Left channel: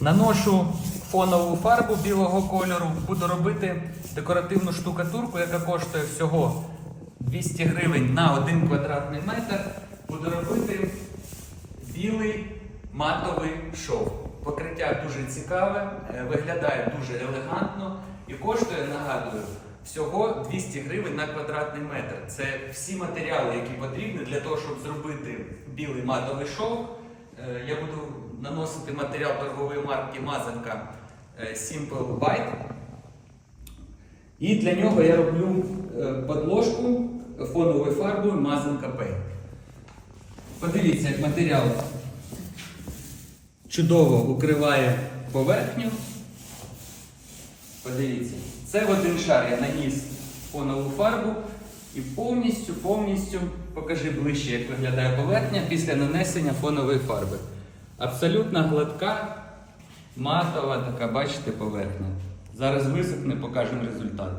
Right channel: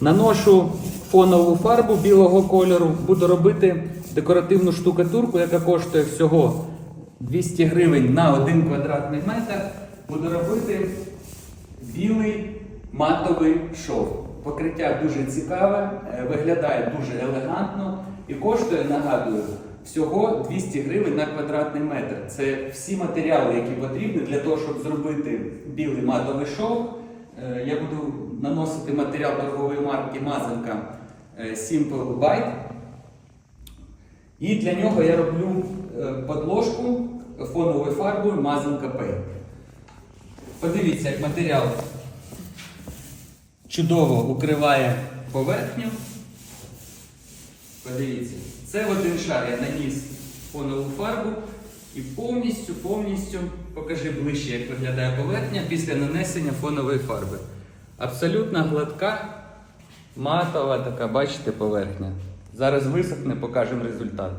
Наношу фонову фарбу білого кольору, буду робити декоративну штукатурку, яка коштує всього 200 гривень на 1 квадратний метр. Буду робити білий матовий шов. Покриття дуже цікаве, е, виглядає дуже елегантно і коштує, нагадую, всього 200 гривень на квадратний метр. Це всі матеріали, які потрібні для того, щоб зробити білий матовий шов. Е, Я наносити матеріал торгової марки Мазанка е, Simple White. І для нього я роблю е, подложку фоновою фарбою Мазанка Paint. Подивіться, як матеріал чудово укриває поверхню. Подивіться, це один шар я наніс фонову фарбу і повністю, повністю покажи ближче, як виглядає поверхня після нанесення фонової фарби. Абсолютно гладка, матова така, бачите, поверхня. Зараз висохне, покажемо результат.